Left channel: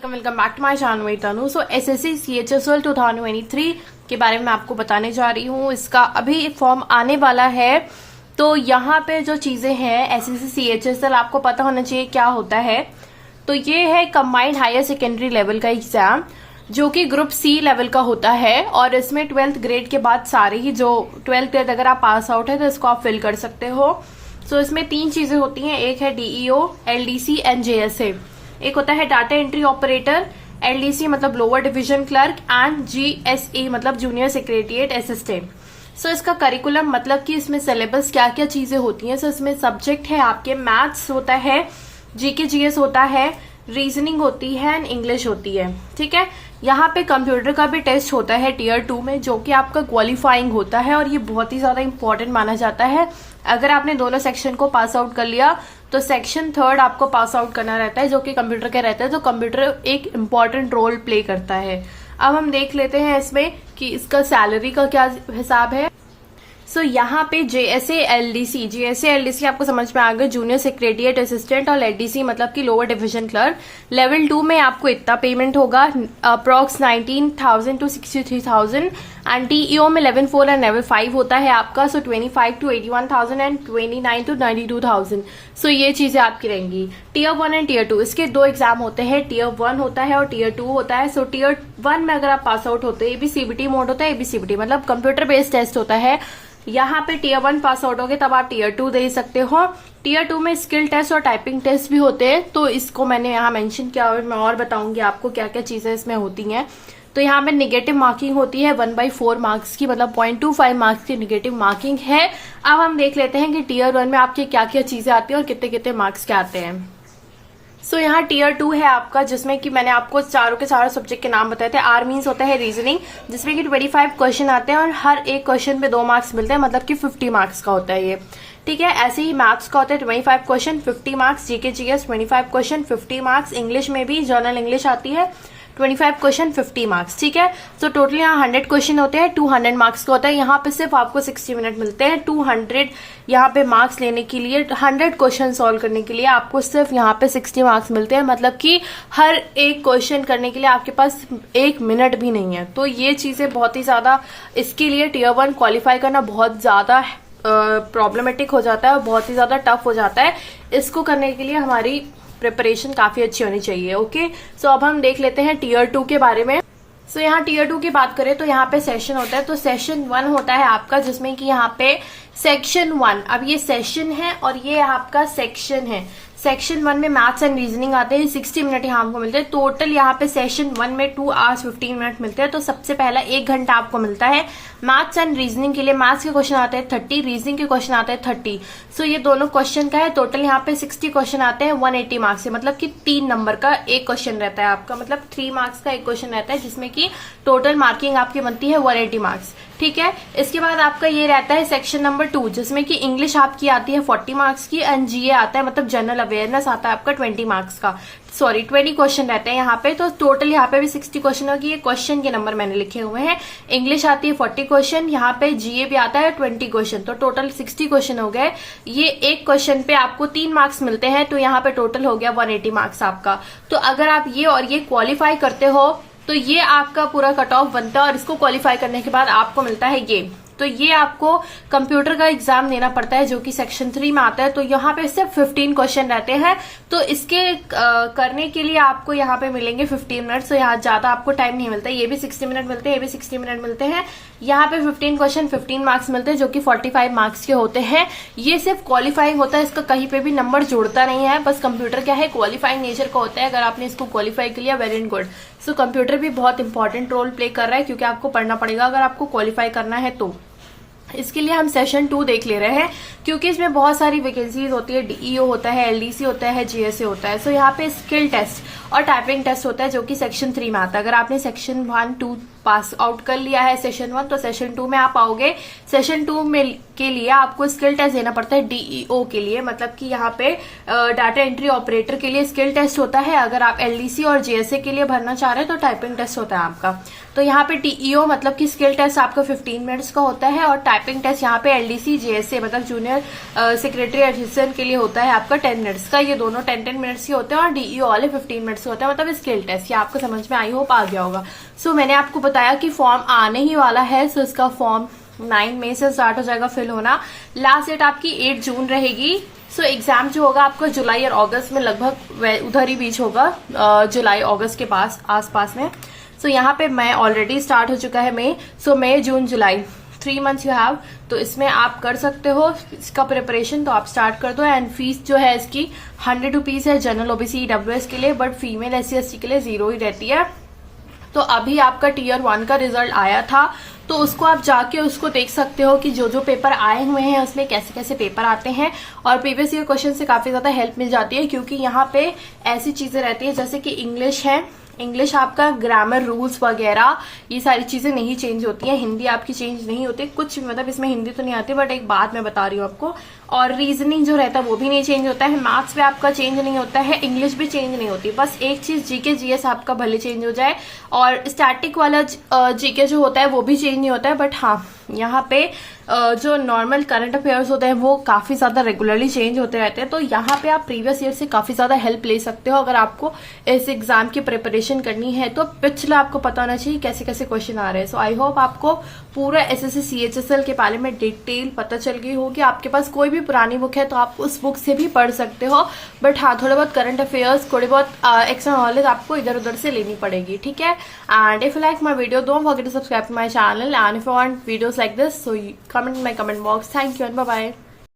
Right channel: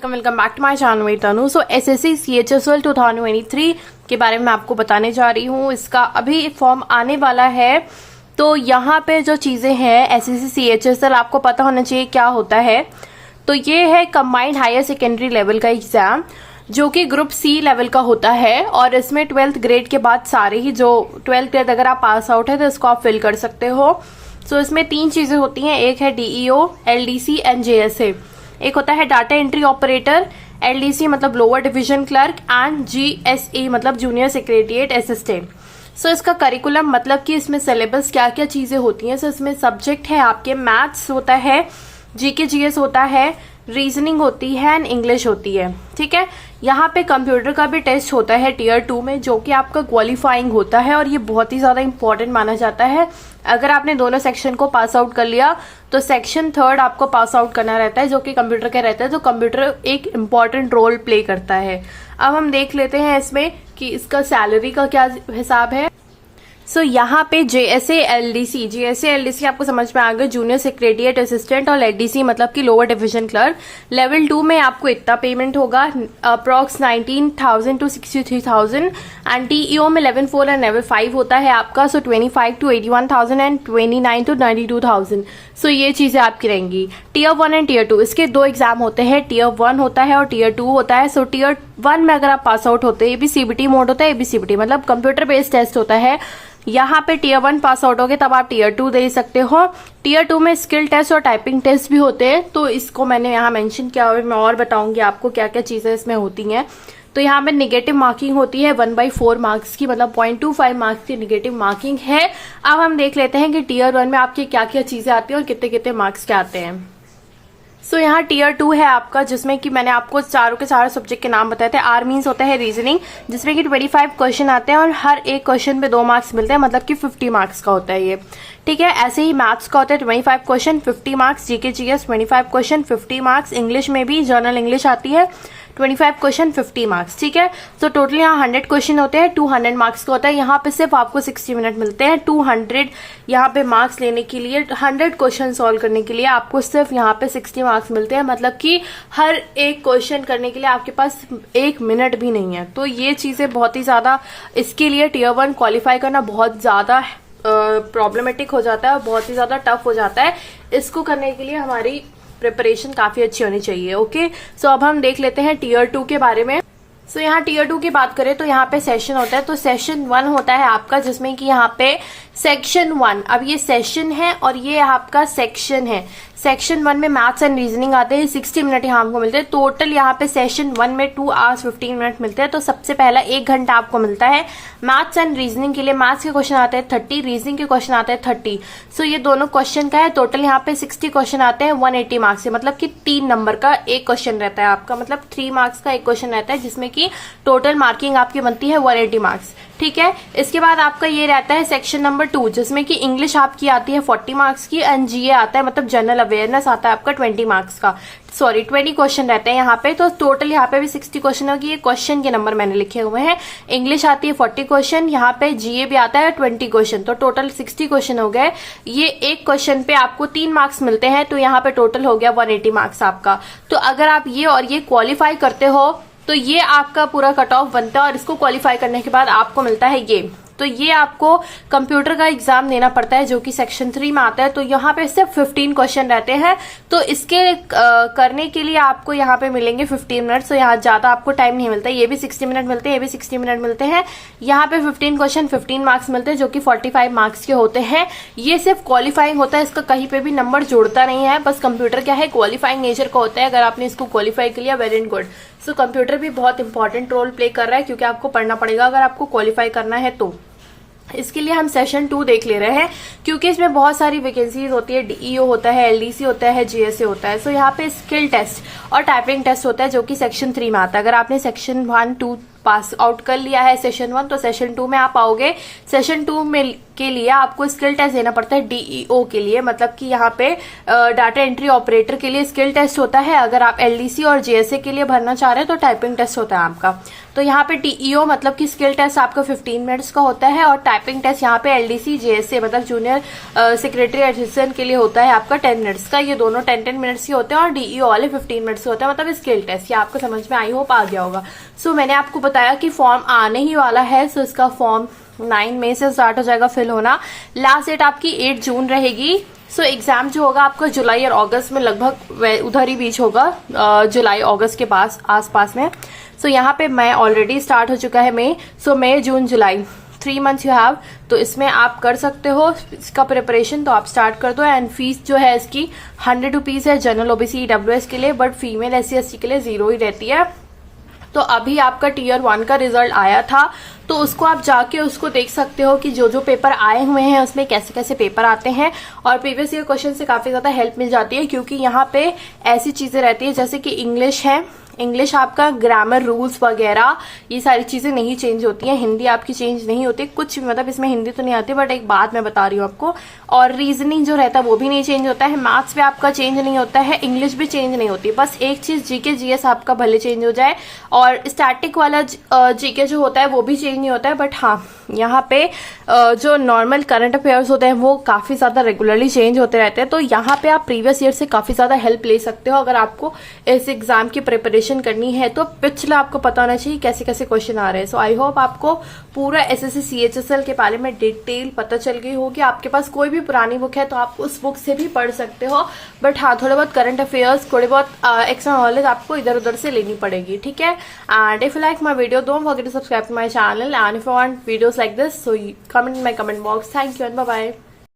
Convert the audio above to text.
Welcome back to my channel में तनु। सो SSC CHSL 2023 के बारे में आपको बताने जा रही हूँ। इसका अभी फॉर्म आने वाला है, तो यहाँ पे जो चीजें हैं एसएससी CHSL आपको पता होना चाहिए क्या होता है। तो ये है कंबाइंड हायर सेकेंडरी लेवल का एग्जाम जो कि ग्रुप C लेवल का होता है, और इसमें 12th ग्रेड के बाद सारे ही जो 12th ग्रेड अगर आप पास आउट है तो इसको आप फिल कर सकते हो। सो इसमें 3 चीजें होती हैं, एक है DEO, LDC एंड JSA। एक होता है डाटा एंट्री ऑपरेटर, LDC मतलब lower division clerk, and GSE मतलब जूनियर सेक्रेटरिएट असिस्टेंट। सो इसका करिकुलम मतलब कि इसमें सिलेबस क्या क्या चीजें होती हैं। सो इसमें सब्जेक्ट है आपके मैथ्स होता है, GK GS होता है, रीजनिंग होती है एंड इंग्लिश होती है। ठीक है, यहाँ पे कंप्यूटर का भी टेस्ट होता है टियर 2 में, जो कि आपका क्वालिफाइंग होता है और ये बहुत ही ज्यादा इंपॉर्टेंट माना जाता है। अगर आपने दोनों सेक्शन को पास आउट कर लिया तो सेक्शन 3rd आपको पास आउट करना रहता है, जो कि कंप्यूटर का रहता है। तो कंप्यूटर एक इम्पॉर्टेंट रोल प्ले करता है। अब हम देख लेते हैं इसमें कि इसका सैलरी का क्या हिसाब है। सो यहाँ पे JSA LDC आपको समझ में आ गया, जूनियर सेक्रेटरिएट असिस्टेंट, और LDC मतलब कि लोअर डिवीजन क्लर्क। लेवल 2 में आपको इतना पेमेंट होगा, अप्रॉक्स 19,000 to 63,000, एंड DEO में लेवल 4 एंड लेवल 5 होता है आपका। सो 25 to 81,000 एंड 29 to 92,000। सो ये चीजें आपकी रहेंगी। टियर 1 एंड टियर 2 इसके 2 एग्जाम होते हैं, टियर 1 होता है और टियर 2 होता है। सो टियर 1 में अगर आप पास आउट होते हैं, ये भी CBT मोड होता है, ये भी CBT मतलब कंप्यूटर बेस्ड टेस्ट होता है। यहाँ पे टियर 1 पास आउट होगे तब आप टियर 2 दे सकते हो। टियर 2 में स्किल टेस्ट और टाइपिंग टेस्ट भी होते हैं, तो इसको मैंने यहाँ मेंशन किया हुआ है। मैं और बताऊंगी आपको क्या क्या चीजें इसमें होती हैं। तो यहाँ पे निगेटिव मार्किंग होती है 1/4 मार्क्स की, मतलब 0.25 मार्क्स की निगेटिव मार्किंग है। अब हम देख लेते हैं कि टियर 1 में आपकी क्या क्या चीजें आती हैं और कितने कितने मार्क्स के आते हैं। सो यहाँ टियर 2 है आपका, जिसमें कि मैंने आपको चारों के सारे सब्जेक्ट के नाम बताए थे। R मीन्स होता है रीजनिंग, जिसमें कि 25 क्वेश्चन आते हैं और हर एक क्वेश्चन पे 2 मार्क्स मिलते हैं, मतलब कि 50 मार्क्स का होता है ये। ठीक है, ऐसे ही मैथ्स का होता है 25 question 50 marks, GK GS 25 question 50 marks, English में भी जनरल इंग्लिश आती है 25 क्वेश्चन 50 मार्क्स। ठीक है, तो टोटल यहाँ 100 क्वेश्चन होते हैं, 200 मार्क्स का होता है। यहाँ पे सिर्फ आपको 60 मिनट मिलते हैं। 200 यहाँ पे मार्क्स लेने के लिए, 100 क्वेश्चन सॉल्व करने के लिए आपको सिर्फ यहाँ पे 60 मार्क्स मिलते हैं, मतलब कि हर एक क्वेश्चन करने के लिए आपके पास 1 मिनट भी नहीं है। तो ये चीजें बहुत ही ज्यादा, इसके लिए टियर 1 क्वालिफाई करना बहुत ज्यादा प्रॉब्लमेटिक हो जाता है और बहुत ही ज्यादा टफ हो जाता है। इसको करने के लिए हमारी प्रिपरेशन काफी अच्छी होनी चाहिए। ओके, सो अब हम देख लेते हैं टियर 2 के बारे में। सो यहाँ टियर 2 की बात करें तो यहाँ पे सेशन होता है। तो सेशन 1 होता है आपका, जिसमें कि यहाँ पे सेक्शन 1, अब ये सेशन है और ये आपका सेक्शन है। सेक्शन 1 में मैथ्स एंड रीजनिंग आते हैं, 60 मिनट यहाँ हमको मिलते हैं। टोटल यहाँ पे सेशन 1 में 2 hours 15 मिनट मिलते हैं। तो सबसे पहला 1 घंटा आपको मिलता है मैथ्स एंड रीजनिंग के लिए। मैथ्स के क्वेश्चन आते हैं 30, रीजनिंग के क्वेश्चन आते हैं 30। सो ये दोनों क्वेश्चन का है। टोटल यहाँ पे 60 क्वेश्चन आते हैं 180 मार्क्स से, मतलब कि 3 नंबर का एक क्वेश्चन रहता है आपका, मतलब 3 मार्क्स का एक क्वेश्चन रहता है, जिसमें कि टोटल मार्किंग आपकी बनती है 180 मार्क्स। ठीक है, इसके बाद आपका ये रहता है सेक्शन नंबर 2, जिसमें कि इंग्लिश आपकी आती है 40 मार्क्स की, एंड GA आता है मतलब जनरल अवेयरनेस आता है आपका 20 मार्क्स का। 20 क्वेश्चन रहते हैं यहाँ पे। तो टोटल यहाँ पे भी 60 क्वेश्चन होगी। ये क्वेश्चन के नंबर मैंने लिखे हुए हैं। इंग्लिश आती है 40 क्वेश्चन, यहाँ पे GA भी आता है 20 क्वेश्चन, तो टोटल 60 क्वेश्चन हो गए। ये एक क्वेश्चन पे आपको 3 मार्क्स मिलते हैं, तो यहाँ पे टोटल हो गया 180 मार्क्स आपका। तो अगर आप ये और ये क्वालिफाई करते हो तो ये आपका पूरा कट ऑफ बनता है, और इसको क्वालिफाई करने के बाद आपको मिलता है ये। तो ये आपको कंप्यूटर का एग्जाम देना पड़ता है, जो कि सेक्शन 3 में आता है। तो यहाँ पे सिर्फ 15 क्वेश्चन रहते हैं, तो इसके करने के लिए आपको यहाँ पे मिलेंगे 15 मिनट। तो यहाँ ज्यादा आपको टाइम नहीं मिलता। ये भी 60 मिनट मिलते हैं, ये भी 60 मिनट मिलते हैं। यहाँ पे 15 क्वेश्चन 15 मार्क्स मिलते हैं, जो कि 45 मार्क्स के होते हैं। ये सिर्फ क्वालिफाइंग होता है, इसका कहीं पे भी नंबर जोड़ता नहीं है। बस कंप्यूटर क्या है, क्वालिफाइंग नेचर का होता है। अगर आपने इसको क्वालिफाई कर लिया, वेरी गुड। सो कंप्यूटर भी बहुत इंपॉर्टेंट रोल प्ले कर रहा है, क्योंकि आपको पढ़ना पड़ेगा अगर आपको क्वालिफाई करना है तो। इसके लिए हम सेशन 2 देख ले रहे हैं, क्योंकि इसमें बहुत सारी वैकेंसीज होती है। DEO होता है, LDC होता है, JSA होता है। सो यहाँ पे स्किल टेस्ट और टाइपिंग टेस्ट होता है, जो कि सेक्शन 3 में आता है। अगर आपने सेक्शन 1, 2, पास आउट कर लिया है सेशन 1, तो सेशन 2 में आप आओगे। सेशन 2 में के लिए आपको स्किल टेस्ट देना पड़ता है डीईओ के लिए, मतलब कि यहाँ पे डाटा एंट्री ऑपरेटर के लिए स्किल टेस्ट होता है। अगर आप एलडीसी और जेएसए के लिए भरना चाह रहे हैं तो टाइपिंग टेस्ट होता है आपका। तो यहाँ पे डीईओ मतलब कि स्किल टेस्ट आपका 15 मिनट्स का होता है, और टाइपिंग टेस्ट यहाँ पे एलडीसी जेएसए मतलब जूनियर सेक्रेटरी असिस्टेंट के लिए होता है आपका 10 मिनट्स का। ये दोनों 10 मिनट्स ही होते हैं, और डीईओ वाले 15 मिनट्स होते हैं, मतलब स्किल टेस्ट। ये आपको समझ में आई होप आ गया होगा। सो मैंने आपको बताया कि फॉर्म आने ही वाला है। सो इसका फॉर्म 9 मई से स्टार्ट हो जाएगा फिल होना। लास्ट डेट आपकी 8 जून रहेगी। सो एग्जाम जो होगा आपका जुलाई और अगस्त में लगभग उधर ही बीच होगा, जुलाई अगस्त के पास आसपास में। सो यहाँ पे मई ऑलरेडी स्टार्ट हो चुका है मई। सो मई जून जुलाई 3 मंथ्स यू हैव, तो इसमें आप कर सकते हो इसका प्रिपरेशन, तो आप स्टार्ट कर दो। एंड फीस जो है इसकी 100 रुपीज है जनरल ओबीसी ईडब्ल्यूएस के लिए, बट फीमेल एससी एसटी के लिए 0 ही रहती है। तो अभी आपका टीयर 1 का रिजल्ट आया था, तो उसको आप जाके उसको देख सकते हो कि जो जो पेपर आए हुए हैं उसमें कैसे कैसे पेपर आते हैं, और प्रीवियस ईयर क्वेश्चन से काफी ज्यादा हेल्प मिल जाती है, क्योंकि यहाँ पे ऐसी चीजें रहती है जैसे कि इंग्लिश है, इंग्लिश आपका ग्रामर रूल्स वगैरह ये सारी चीजें नहीं चेंज होती हैं। हिंदी आपकी चेंज नहीं होती कुछ, मतलब इसमें हिंदी तो नहीं आती, बट एक बात मैं बता रही हूँ आपको, और रीजनिंग जो रहता है वो भी नहीं चेंज होता है। मैथ्स भी आपका चेंज नहीं होता है, इंग्लिश भी चेंज नहीं होती। बस एक चीज जीके जीएस आपका भले चेंज हो जाए, और स्टैटिक वाला जीके जो होता है वो भी चेंज नहीं होता है। बट हाँ, यहाँ पे जो नॉर्मल करंट अफेयर्स होते हैं वो काफी ज्यादा रेगुलरली चेंज होते रहते हैं। तो यहाँ पे आप प्रीवियस ईयर से काफी ज्यादा हेल्प ले सकते हो अगर आपको इस एग्जाम की प्रिपरेशन करनी है। तो पिछला आपको पता होना चाहिए कैसे कैसे क्वेश्चन आ रहे हैं। सो आई होप आपको पूरा एसएससी सीएचएसएल के बारे में डिटेल पता चल गई होगी। आपके पास कोई भी पुरानी बुक है तो आप उस बुक से भी पढ़ सकते हो, बट हाँ, थोड़े बहुत करंट अफेयर्स, थोड़े बहुत एक्स्ट्रा नॉलेज आपको इधर उधर से लेनी पड़ेगी, ठीक है। And if you like my video, don't forget to subscribe to my channel, and if you want videos like this, so comment in my comment box. Thank you and bye bye.